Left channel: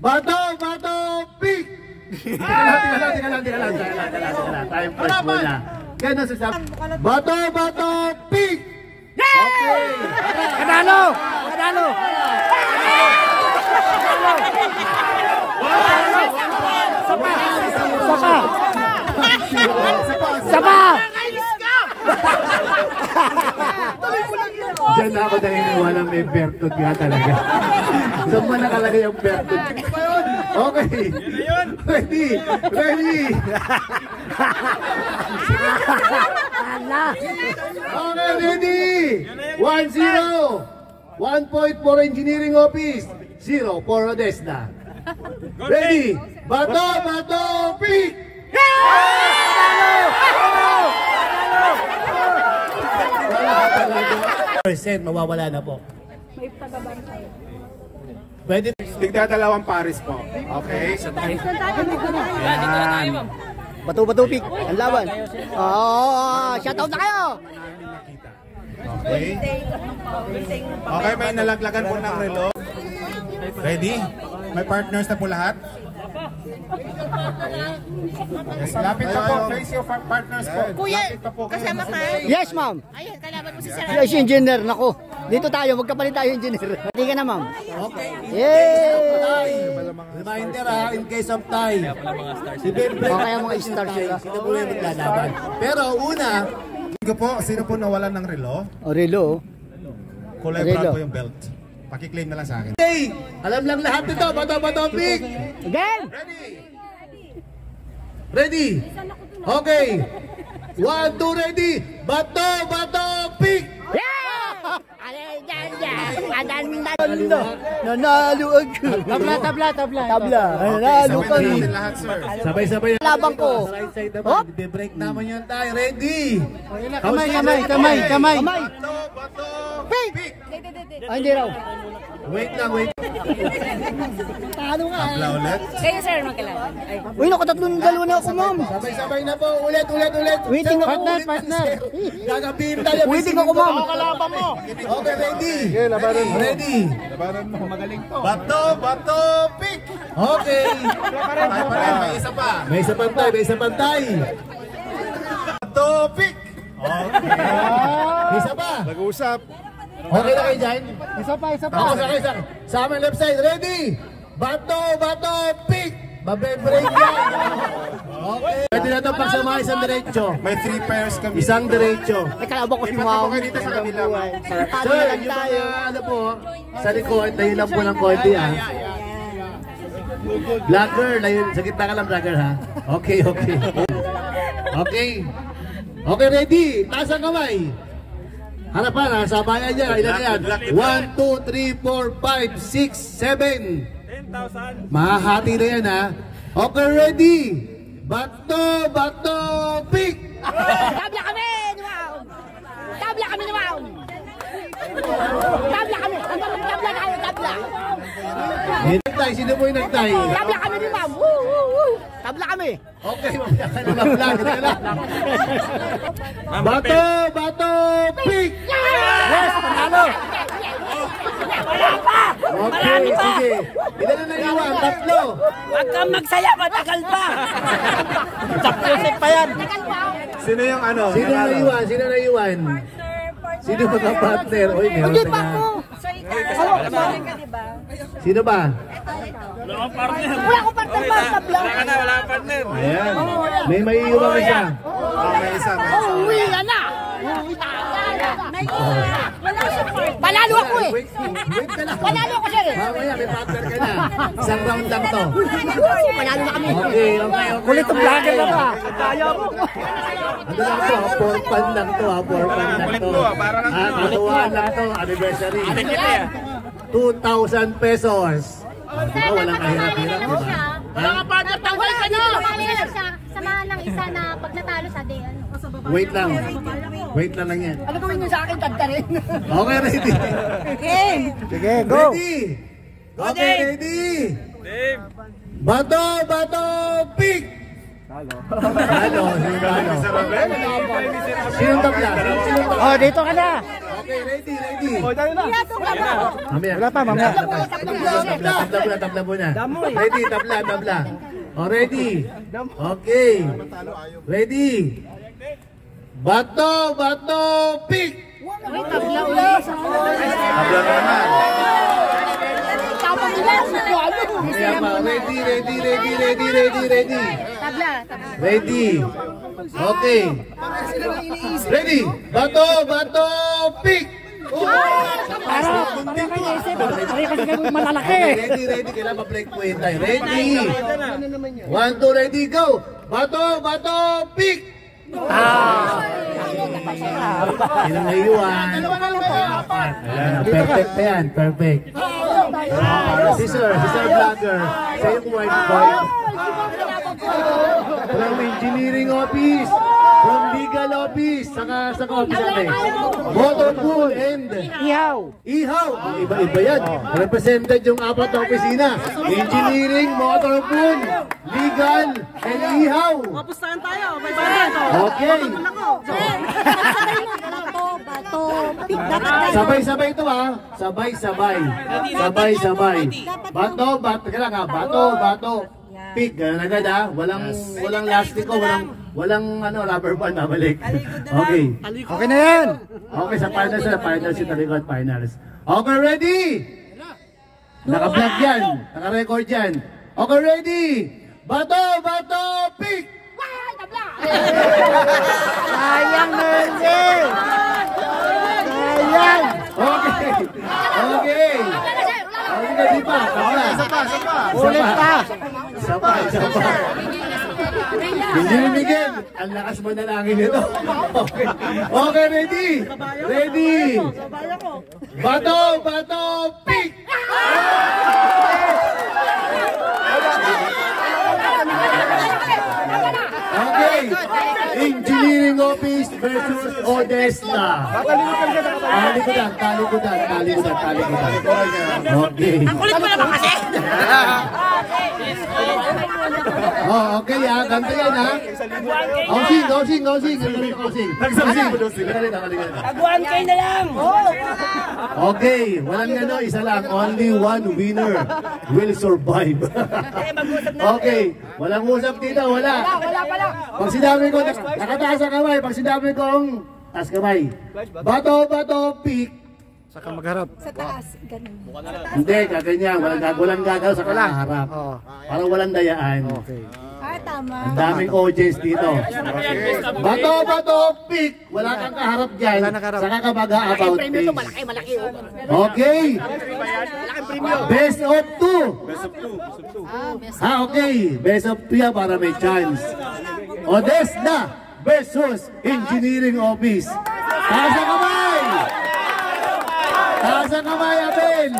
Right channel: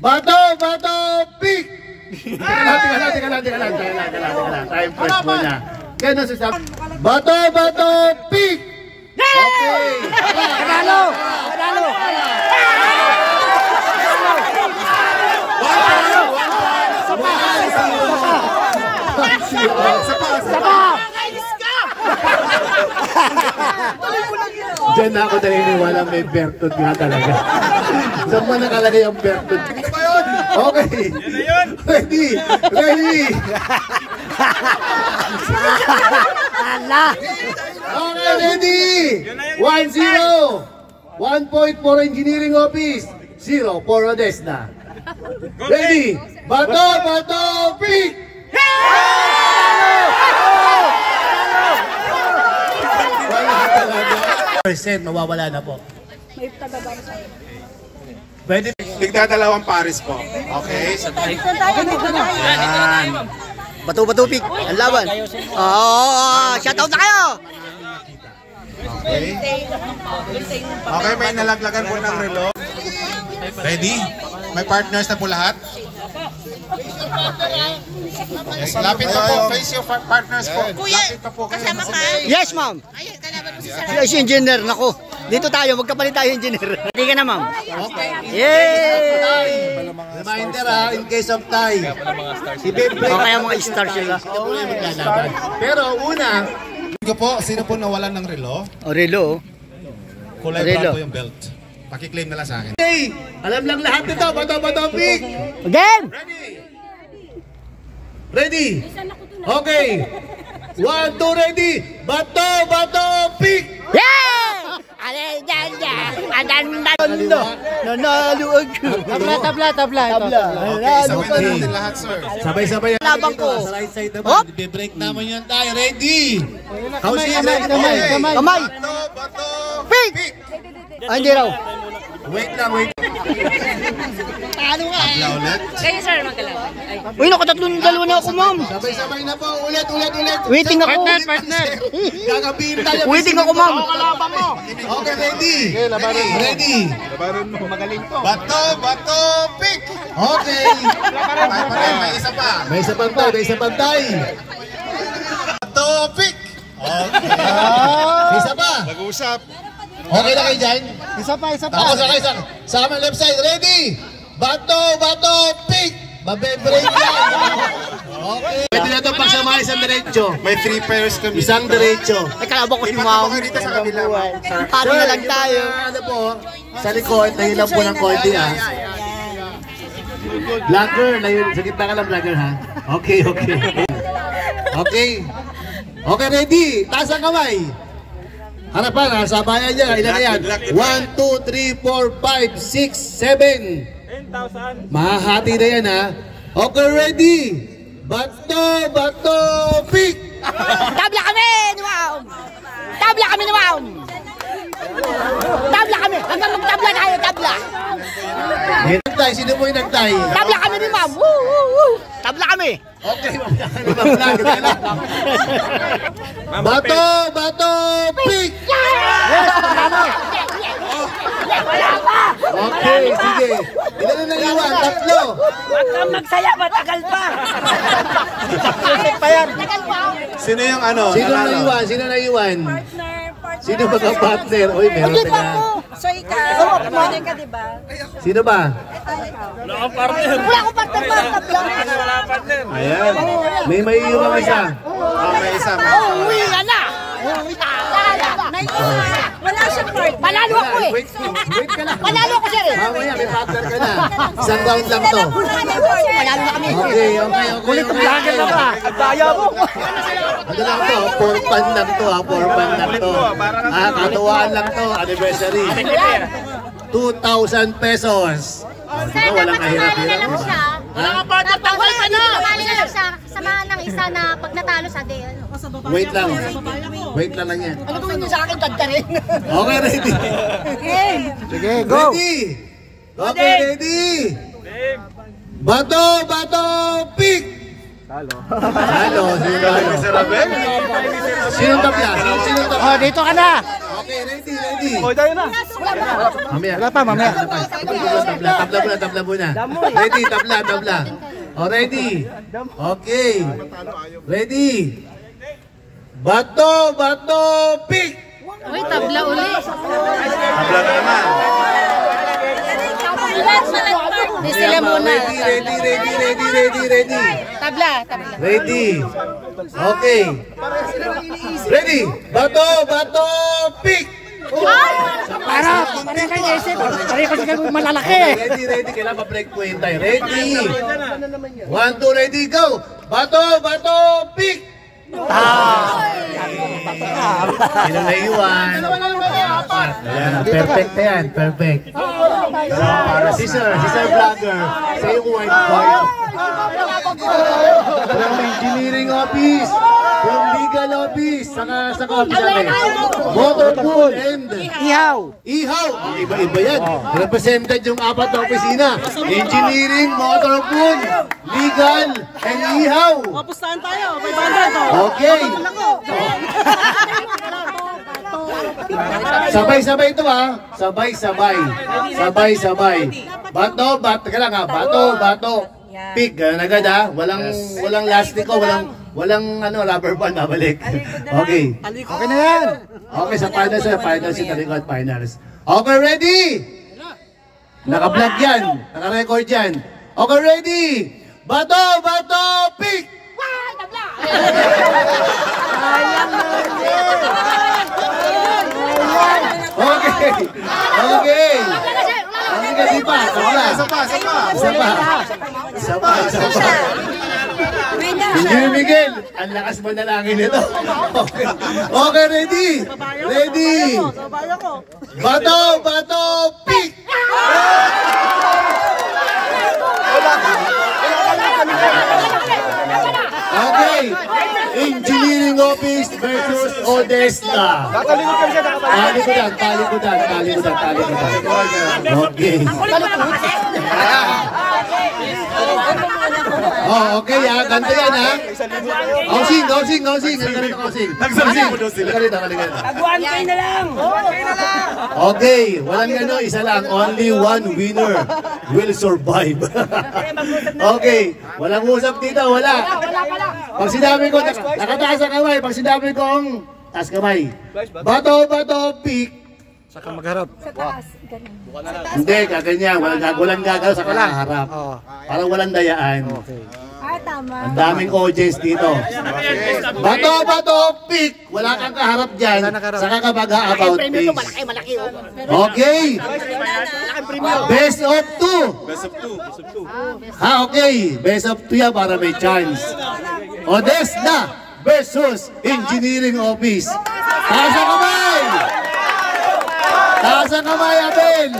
Bato, bato, pick! Teka lang. Time first muna. Kaya nasasabi. Bato, bato, pick! Okay! Panalo! Sapa! Diyan na ako naniniwala may Bertod nga talaga. Saan mo nakalagay yung Bertod? Okay. Ready. Okay, ready. 1-0. 1 point for Engineering Office. 0 for Odesna. Ready. Bato, pick! Percent mawawala na po. Pwede Tigdadalawang pares po. Okay? Yan. Bato, pick. Ang laban. Shoutout na kayo! Okay. Okay, may nalaglagan po ng relo. Ready? May partners na po lahat? Yes, lapit pa po. Face your partners po. Lapit pa po. Kasama ka? Yes, ma'am. Ayun, kalaban mo si Sarah. Yes, engineer. Naku. Dito tayo. Magkapalit tayo, engineer. Hindi ka na, ma'am. Okay. Yay! Reminder in case of tie. Okay ang mga stars sila. Sino po yung maglalaban. Pero una, Sino po nawalan ng relo? Relo. Kulay brown po yung belt. Pakiklaim na lang sa akin. hey, alam lang lahat nito. Bato, pick! Again! Ready? Okay. 1, 2, ready. Bato, pick! Yeah! Nanalo ako. Tabla. Sabay na natin lahat, sir. Sabay. Labang ko. Hop! Be-break naman yun tayo. Ready? Kamay. Bato, Pick! Ay, hindi raw. Wait lang. tabla ulit. Kayo, sir, magkalaban. Uy, nakatatlong dalawa na ako, ma'am. Sabay na po. Ulit. Waiting ako. Partner. Gagabihin tayo. Waiting ako, ma'am. Okay, ready. Bato, pick! Okay. May isa pa. May isa pantay. Bato, pick! Okay. May isa pa. Nag-uusap. Okay na kayo dyan? Isa pa. Ako, sakay. Sa amin left side. Ready? Bato, pick! Mabe-break yan. Okay. Pwede na ito pagsamahin isang diretso. May 3 pairs kami. Isang diretso. Ay, kalaban ko si ma'am. Paano na lang tayo? Ano po, sa likod, nahilang po ng konti ha. Vlogger, sa gitna ka lang vlogger ha. Okay. Okay, ready? Taas ang kamay. Harapan ha, sabayan niya. Ilan na yan? 1, 2, 3, 4, 5, 6, 7. 10,000. Mahahati na yan ha. Okay, ready? Bato, pick! Tabla kami ni ma'am. Hanggang magtabla tayo, tabla. Nagtay, sino po yung nagtay? Tabla kami ni ma'am. Tabla kami. Okay, mamaya ka naman vlog. Bato, pick! Yes, panalo. Okay, sige. Ilan na naiwan? 3. Huwag kang magsaya, matagal pa. Tagal pa. Sino yung ano? Sino naiwan? Sino magka-partner? Uy, meron Hindi ka pa na. ako. So, ikaw, partner ka, diba? Sino ba? Wala akong partner ba? Tabla. Ayan. May maiiwan isa. Uwi ka na. Wala siyang partner. Panalo ako eh. Wait ka lang. Panalo ako sir eh. Mamaya, may partner ka na. Isang round lang to. Panalo na kami. Okay. Kulit ang vlogger na ba? Ano lang to? For fun lang to ha. For fun lang to. Katuwaan lang to. Anniversary. 2,000 pesos. Walang kahirap-hirap. Wala ka partner. Wala ka na. Samahan ng isa na pag natalo sa day. Wait lang yan. Ano gawin niyo sa akin? Tagta rin. Okay, ready? Sige, go. Ready? Okay, ready? Bato, pick! Talo. Sinong tabla? Oh, dito ka na. Okay, ready, ready. Mamaya. Wala pa, mamaya. Tabla muna. Ready, tabla. Oh, ready. Okay. Ready. Bato, pick. Uy, tabla ulit. Tabla naman. Sila muna. Ready. Tabla. Ready. Okay. Ready. Bato, pick. Para kayo isip. Para kayo malalaki. Ready. Kailangan ma-break po yun tayo. Ready. 1, 2, ready, go. Bato, pick. Sino na iwan? Perfect na yan. Perfect. Scissor vlogger. Sa yung white boy. From engineering office. From legal office. Saka office natin. Motor pool and Ihaw. Iba yan. Represented yung 4 na opisina. Engineering, motor pool, legal, and ihaw. Mapustahan tayo, 500 to. Okay. Sabay-sabay ito ha. Sabay-sabay. Bato. Pick. Ganun agad ha. Walang lastiko, walang rubber band babalik. Okay. Okay na yan. Okay, sa finals yung talikod finals. Okay, ready? Naka-vlog yan. Naka-record yan. Okay, ready? Bato, pick! Okay. Di pa. Isa pa. Engineer Miguel, ang lakas mo na langin ito. Okay, ready? Bato, pick! Okay, engineering office versus Odessa. Talikudan. Okay. Oh, okay ha, ganito yan ha. Osing. Taguan kayo na lang. Okay, walang isa lang. Only one winner will survive. Okay, walang usap dito, wala. Pag sinabi ko, nakataas ang kamay. Pag sinabi ko ang taas kamay. Bato, pick. Saka magharap. Hindi, kaganyan. Walang gagaw sa kakaharap. Parang walang dayaan. Okay. Ang daming audience dito. Bato, pick. Wala kang kaharap dyan. Saka ka mag-a-about face. Malaki. Okay. Best of 2. Okay. Best of 2 yan para may chance. Odessa versus Engineering Office. Taas ang kamay, Abel.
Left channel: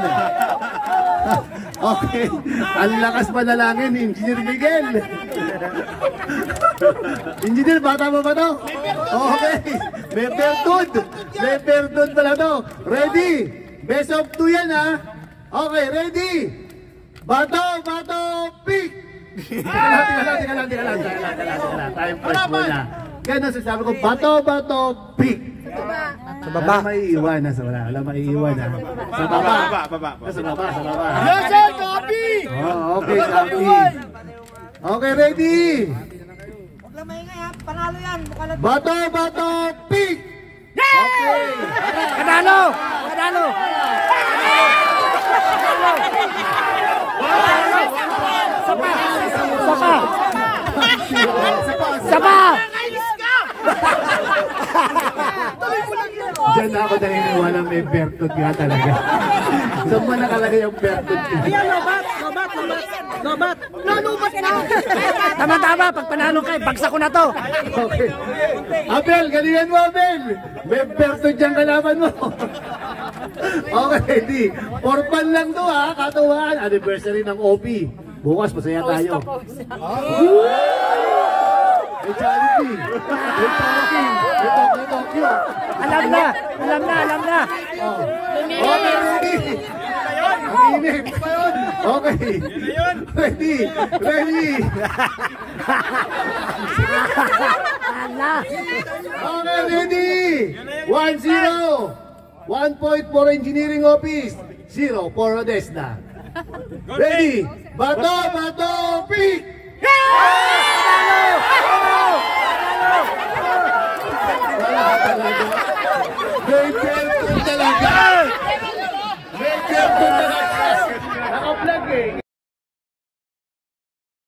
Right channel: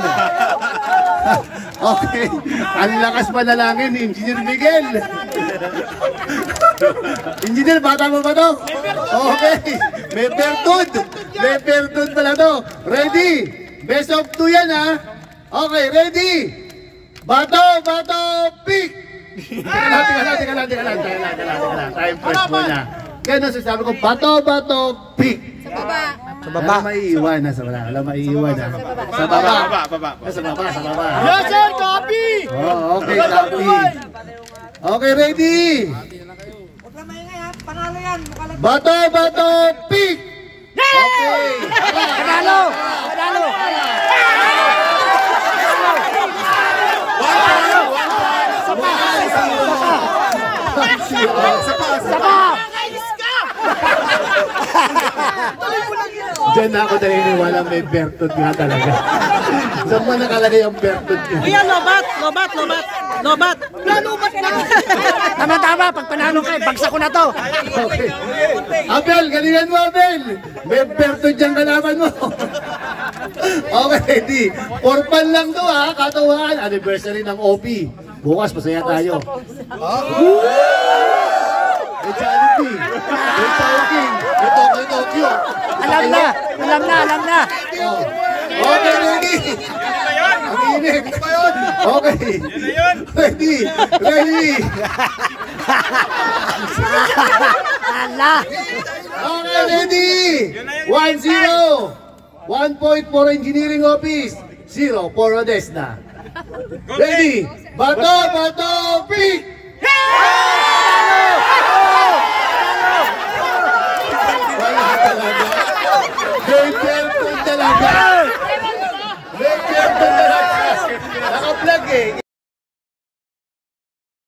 Okay. Ang lakas manalangin, Engineer Miguel. Engineer, bata mo ba to? Okay. May pertud pala to. Ready? Best of 2 yan ha. Okay, ready? Bato, pick! Teka lang. Time first muna. Kaya nung sasabi ko, bato, pick! Sa baba. Alam maiiwan na sa wala. Sa baba. Yes, copy! Oh, okay, copy. Okay, ready? Bato, pick! Okay. Panalo! Sapa! Diyan na ako naniniwala may bertod nga talaga. Saan mo nakalagay yung bertod ko? Ayan, lobat! Nalubat na! Tama, pag panalo kayo, bagsak ko na to. Okay. Abel, galingan mo, Abel! May bertod dyan kalaban mo. Okay, di. Orpan lang to ha, katuwaan. Anniversary ng OP. Bukas, masaya tayo. May charity. May Tokyo. Alam na. Okay, ready. Ang init. Okay. Ready. Ala! Okay, ready. 1-0. 1 point for Engineering Office, 0 for Odesna. Ready? Bato, pick! Great help talaga! Great help talaga! Naka-vlog eh!